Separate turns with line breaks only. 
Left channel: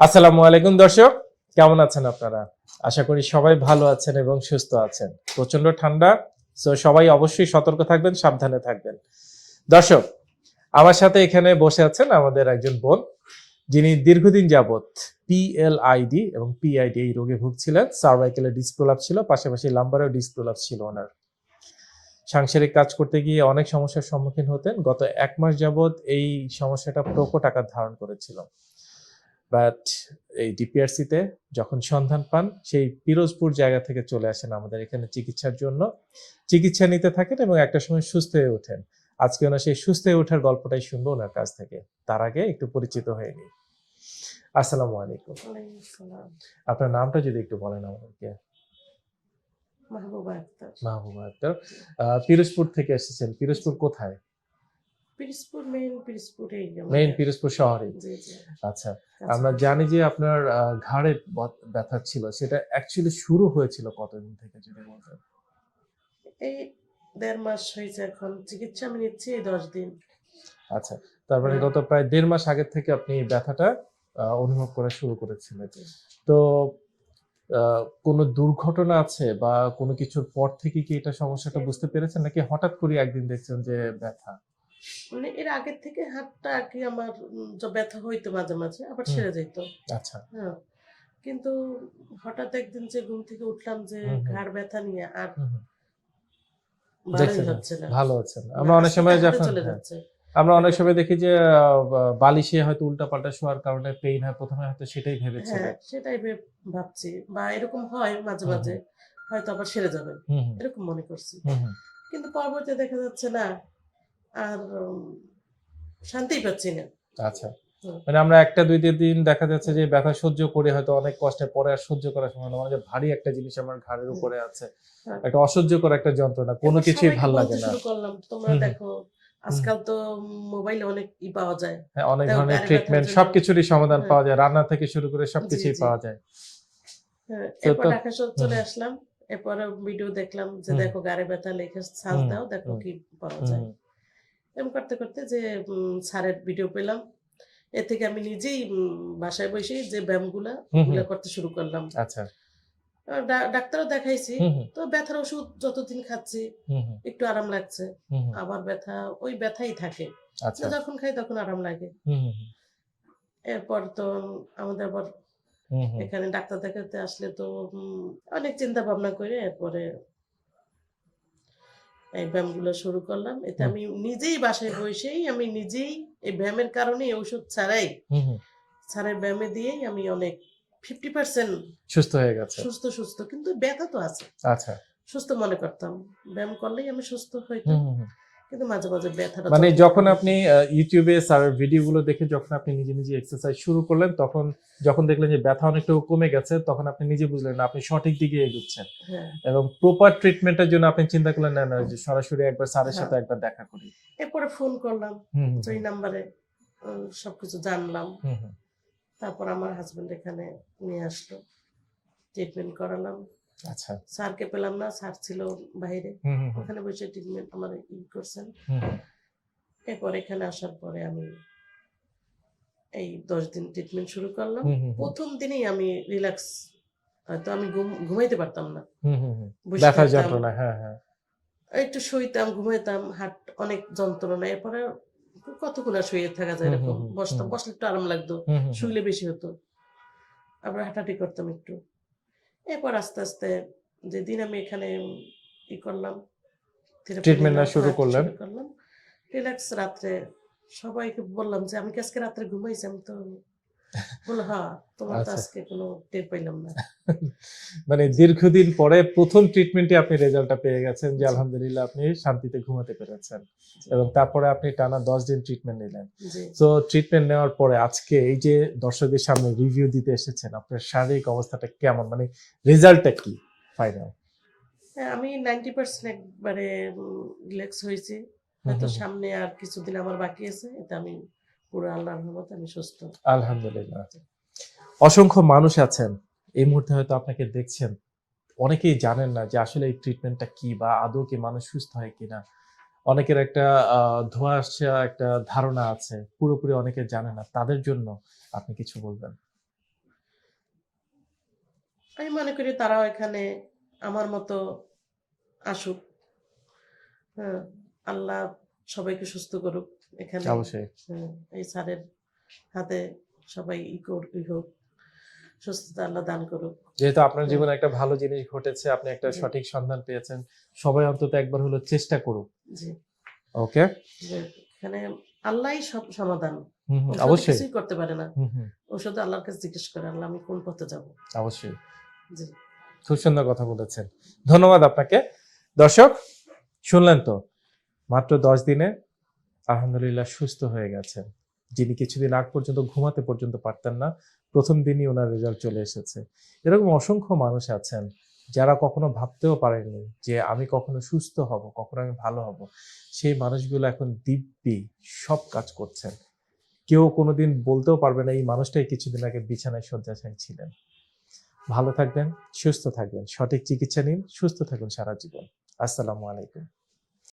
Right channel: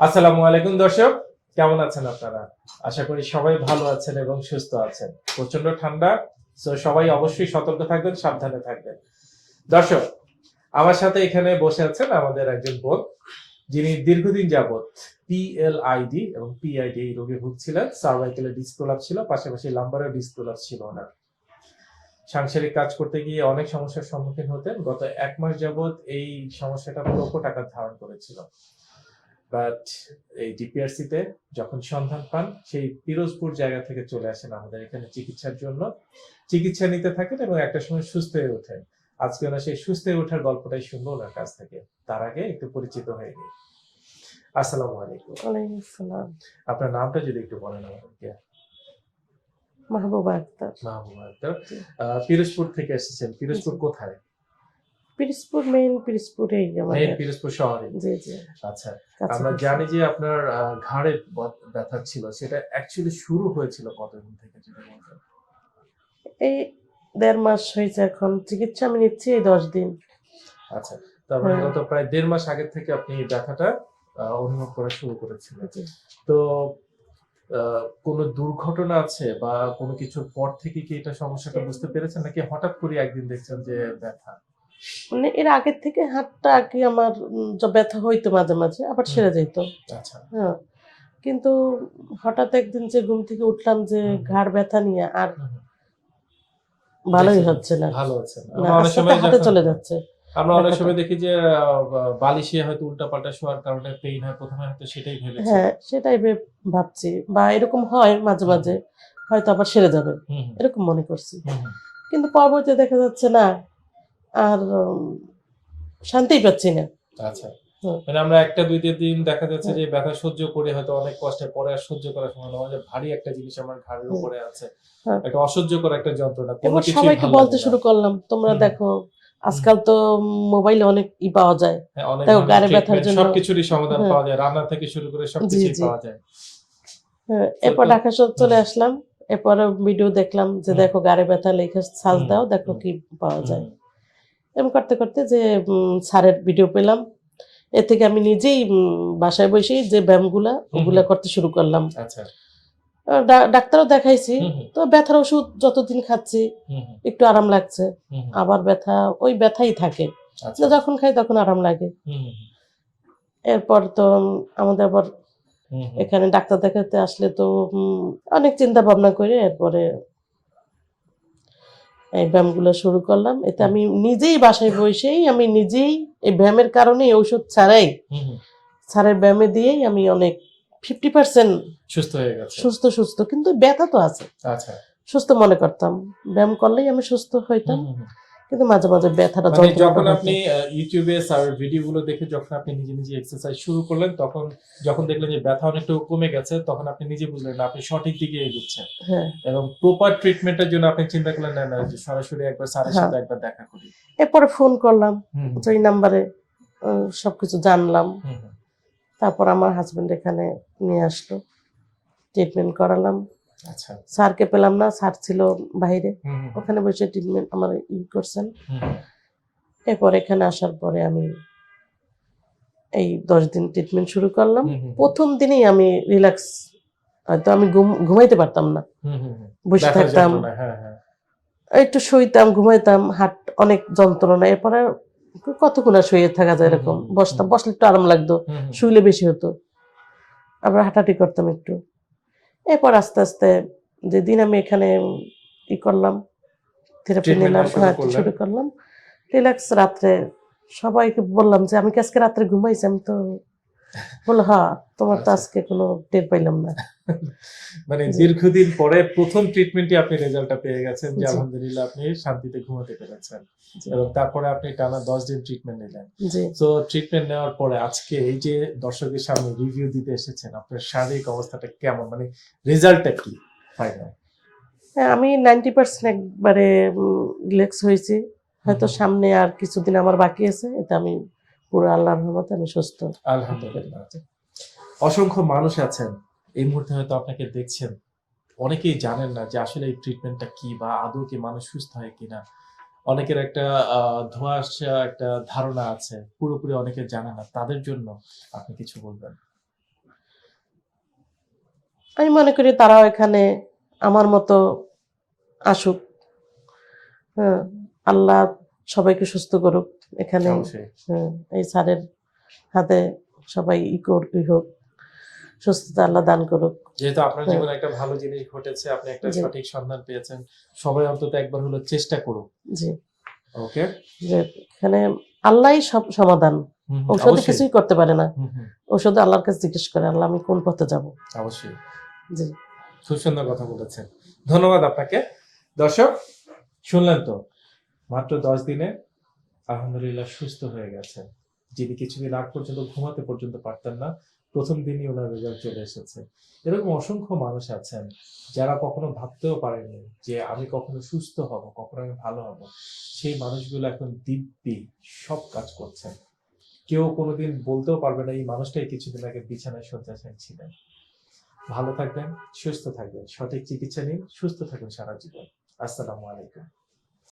আসসালামু আলাইকুম দর্শক, কেমন আছেন আপনারা? আশা করি সবাই ভালো আছেন এবং সুস্থ আছেন। প্রচণ্ড ঠান্ডা তো সবাই অবশ্যই সতর্ক থাকবেন, সাবধানে থাকবেন। দর্শক, আমার সাথে এখানে বসে আছেন আমাদের একজন বোন, যিনি দীর্ঘদিন যাবৎ পিএলআইডি এবং পিআইডি এই রোগে ভুগছিলেন। সার্ভাইকেলের ডিসপ্রোলাপ ছিল, পাশাপাশি লাম্বারের ডিসপ্রোলাপ ছিল ওনার। সাংসারিক কাজ করতে গিয়ে অনেক সমস্যার সম্মুখীন হতেন। গত এক মাস যাবৎ এই সমস্যাটা প্রকট আকার ধারণ করেছিল। বাট এই ডিপিআরসিতে যখন সন্ধান পান সেই পিরোজপুর জায়গা থেকে চলে আসেন আমাদের এখানে চিকিৎসার জন্য। চিকিৎসা নিতে থাকেন এবং একটা সময় সুস্থ হয়ে ওঠেন। আজকে ওনার সেই সুস্থ হয়ে ওঠার গল্পটাই শুনব ওনার কাছ থেকে। তার আগে একটু পরিচিত হয়ে নিই। আসসালামু আলাইকুম।
ওয়ালাইকুম আসসালাম।
আপনার নামটা যদি একটু বলেন আমাদেরকে।
মাহবুবা আক্তার।
মাহবুবা আক্তার। পিরোজপুর থেকে এসেছেন। পিরোজপুর কোথায়?
পিরিসপুর মেইন পিরিসপুরেই মেইন
পিরোজপুর শহরে। জি জি। আচ্ছা আমরা জানি যে আপনার ঘাড়ে ব্যথা ছিল সেটা অ্যাকচুয়ালি শুরু হয়েছিল কতদিন থেকে যদি বলতেন
এই দেড় মাস হয়েছে এখন। চিকিৎসা আমি নিচ্ছি এই দশ দিন।
আচ্ছা তারপরে হ্যাঁ। গত প্রায় দেড় মাস আগের থেকে আপনি ব্যথাটা অনুভব করা শুরু করেছিলেন। তো কোনো দুর্ঘটনা আছে বা কোনো কিছুর পর থেকে কি এটা সমস্যাটা বুঝতে পেরেছেন? নাকি হঠাৎ করে একদিন দেখছেন যে ব্যথা?
মানে এর আগের থেকে হাতটা আর কি আমার ব্যথা হইতো মাঝে মাঝে আবার সেরে যেত
আচ্ছা। হ্যাঁ।
কিন্তু হঠাৎ একদিন যে ঘুম থেকে উঠলাম যে। ঘাড় ব্যথা নিয়ে আর। ভালোই হচ্ছে না।
ভালো না,
আমরা অনেক সময় চলে যাচ্ছে।
আমরা অনেক সময় দেখি যে বালিশে হয়তো উল্টাপাল্টা শোয়ার কারণে পেইন হয় প্রথমে হয়তো সেটাই ভেবেছি। হ্যাঁ
সেটাই ভেব- ভাবছি। বা এরকম হয় মাঝে মাঝে হয়তো আবার সেরে যাবে। এরকম মনে করছি। কিন্তু পরবর্তীতে দেখা যাচ্ছে না। আর উম, শান্তিই পাচ্ছি না।
আচ্ছা। মানে আমরা একটা দুই তিন দিন দেখা যাচ্ছে যে ব্যথা সহ্য করে হয়তো অনেক কষ্টে পরে আর সহ্য করার সময় নয় যে ভারী একটা জিনিস আমার ঘাড়ের উপরে আছে। হ্যাঁ। একটা অসহ্যকর একটা যন্ত্রণা কোনো সবাইকে ভালো বলতে
শুরু করলাম তোমরা দেখো আজকাল তো মোবাইলে অনেক ই পাওয়া যায়।
হ্যাঁ, অনেক তাও গাড়ি ব্যথার জন্য- সবকিছুরই সমাধান হ্যাঁ। পাওয়া যায়। রান্না থেকে শুরু করে সবকিছুই জি। পাওয়া যায়।
এরপর ঢাকা শহর চলে আসলাম। এরপরে ভিডিও দেখলাম যে দেখো গাড়ি ব্যথা লেখে সাজ দাও দেখো কি পাওয়া যায়। এরকম করতে করতে যে স্যারের ভিডিও পেলাম। এর থেকে আমি নিজেই বাসায় বসেই যে ব্যায়ামগুলা ওগুলা করতে শুরু করলাম। আচ্ছা। ডাক্তারও দেখাইছি। তো ব্যথার ওষুধ যতদিন খাচ্ছি একটু আরাম লাগছে। আবার ব্যথা ওই ব্যথাই থাকে। আচ্ছা। যখন খাই তখন আরাম লাগে। এরপর তো আমাদের আবার এখানে ডাক্তার দেখাতে আসলে তো অনেক চিন্তা ভাবনা করে এরপরে এই ব্যায়ামগুলো শুরু করলাম। এতে আমি নিজেই বাসায় বসেই আমি নিজেই এই ব্যায়ামের কারণে ঔষধ ছাড়াই। ছাড়ের ব্যায়ামে দিয়েই আমি অনেক ফিফটি পার্সেন্ট
সুস্থ হয়ে গেছে।
সুস্থ সুস্থ। কিন্তু ব্যথা তো আছে। আচ্ছা। সুস্থ মনে করতাম। ব্যায়াম করলেই আমি সুস্থ হইতাম। কিন্তু মাঝে মাঝে ব্যথাটা মানে
যখন আপনি ইউটিউবে স্যারের ভিডিওগুলো দেখে যখন আপনি নিজে নিজে এক্সারসাইজ শুরু করলেন তখন যখন দেখলেন যে ব্যথা অনেকটু কমে গেছে তখন আপনি নিজে বুঝলেন না আপনি সঠিক দিকে এগুচ্ছেন। হ্যাঁ। এবং প্রপার ট্রিটমেন্টের জন্য আপনি চিন্তা করলেন না সরাসরি একবার স্যারের হ্যাঁ। সাথে একবার দেখা করি।
এরপরে ফোন করলাম এই নাম্বারে সবকিছু জানলাম। তারপর আমার হাজবেন্ড এখানে নিয়ে আসলো ট্রিটমেন্ট করালাম। আচ্ছা। স্যারকে পেলাম না স্যার ছিল বাইরে। ওখানে বসে ট্রিটমেন্ট আমার ই করছেন। এরপর এখানে আসার পরে আমি এই দশ দিন ট্রিটমেন্ট শুরু করলাম। প্রথম দিনেই আমি রিল্যাক্স হয়তো আমি ঘুম- ঘুমাইতে পারতাম না।
বসে থাকতাম। হ্যাঁ হ্যাঁ।
একটু শুইতাম ঘুমাইতাম হাট অনেক যন্ত্রণা। এরপরে কতক্ষণ আর শুয়ে থাকা যায় এরকম? বসতাম বসলে একটু আরাম লাগতো। শুইলে বেশি হতো। আবার হাঁটাহাঁটি করতাম একটু। এরপর আস্তে আস্তে যেদিন আমি এখানে ই করলাম থেরাপি নিলাম শুরু হ্যাঁ শুরু করলাম। রিল্যাক্স রাত্রে সবাইকে বললাম যে আমি কি আজকে রাত্রে ঘুমাইছি? আমি তো বলল হ্যাঁ তোমার তো আচ্ছা। আজকে কোনো টের পাইলাম না।
মানে দীর্ঘদিন পরে প্রথম ট্রিটমেন্টে আপনি রেজাল্টটা পেয়ে গেছেন যে আলহামদুলিল্লাহ আপনি শান্তিতে ঘুমাতে পেরেছেন এবং তারপরে আপনি টানা দশ দিন ট্রিটমেন্ট নিলেন। তো ট্রিটমেন্ট নেওয়ার পরে আজকে এই যে দর্শকের সামনে রিভিউ দিতে এসেছেন আপনার শারীরিক অবস্থাটা কেমন? মানে রেজাল্টটা কি ফাইনাল
হ্যাঁ আমি নাইনটি পার্সেন্ট একবারে রিল্যাক্স হয়েছি। হয়তো সামনে আর কিছুদিন আমার বাকি আছে এটা আমি পুরো আল্লাহর রহমতে আমি সুস্থ।
আলহামদুলিল্লাহ। অসংখ্য মানুষ আছেন এই মুহূর্তে হয়তো আপনাকে দেখছেন। অনেকেই জানেন না যে আসলে এই ট্রিটমেন্টটা কি বা আদৌ কি মানুষ সুস্থ হয় কিনা। অনেকের একটা আহ, ধোঁয়াশা একটা ধারণা আছে পুরোপুরি অনেকে জানে না। তাদের জন্য আপনি কিছু বলবেন।
আমি মনে করি তারাও এখানে আমার মতো আসুক। হ্যাঁ আল্লাহ সবাইকে সুস্থ করুক। এখানে। হ্যাঁ, এই স্যারের হাতে সবাই ই কর হোক সুস্থতা আল্লাহ দান করুক।
যেহেতু আপনার হ্যাঁ। জীবনে একটা ভালো জিনিস ঘটেছে আপনি একটা সঠিক সন্ধান পেয়েছেন সবাই অন্তত একবার হলো চেষ্টা করুক। জি। ওকে?
এখানে আল্লাহই সব সমাধান। অবশ্যই। কিছুই করতে পারে না। হুম, আল্লাহর কাছে জিজ্ঞেস করে আল্লাহ আমি কোন পথে যাব?
অবশ্যই। জি। খুব সুন্দর কথা বলেছেন। ধন্যবাদ আপনাকে। দর্শক শুনলেন তো মাত্র দশ দিনে আলহামদুলিল্লাহ সুস্থ হয়ে গেছেন। যিনি কিছুদিন আগ পর্যন্ত ঘুমাতে পর্যন্ত পারতেন না, প্রথম দিনই ওনার রেজাল্ট চলে এসেছে। এরকম অসংখ্য মানুষ আছেন যারা কখনো ভাবতেও পারেননি যে আমি কখনো সুস্থ হব, কখনো আমি ভালো হব। সেই মানুষগুলো এখন দিব্যি সব কাজ করছেন। কেউ কোনোদিন বলতেও পারবে না, এই মানুষটাই কিছুদিন আগে বিছানায় শয্যাশায়ী ছিলেন। ভালো থাকবেন, সুস্থ থাকবেন, সঠিক চিকিৎসা নিন, সুস্থ থাকুন সারা জীবন। আসসালামু আলাইকুম।